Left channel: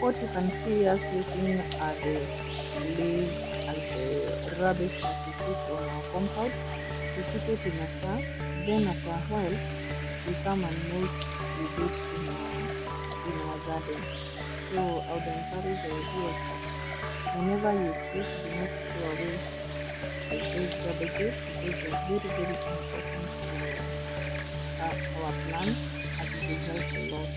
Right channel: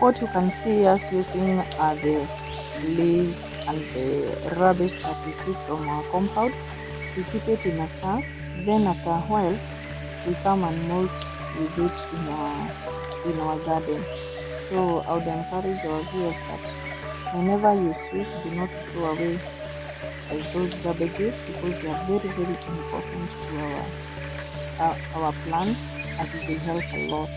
What you can see us using are the leaves and the rubbish that we see from our compound. We keep it in a sack, then after a while we come and mulch with it in our garden. So I would encourage our viewers that whenever you sweep, do not throw away those garbages, because they are very important to our plants, and they help a lot.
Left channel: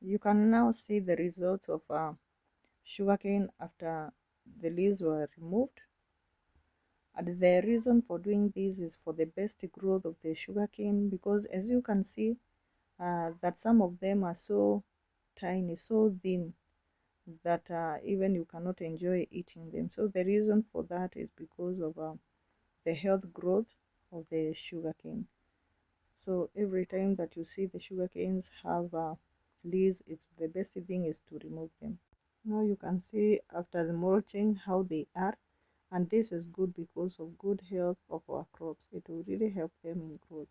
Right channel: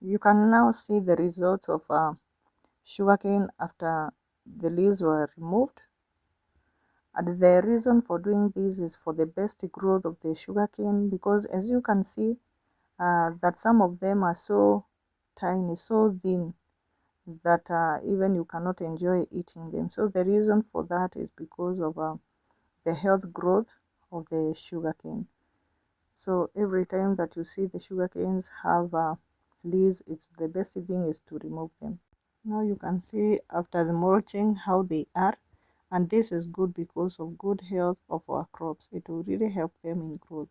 You can now see the results of sugarcane after the leaves were removed. And the reason for doing this is for the best growth of the sugarcane, because as you can see that some of them are so tiny, so thin, that even you cannot enjoy eating them. So the reason for that is because of the health growth of the sugarcane. So every time that you see the sugarcanes have leaves, it's the best thing is to remove them. Now you can see after the mulching how they are, and this is good because of good health of our crops. It will really help them in growth.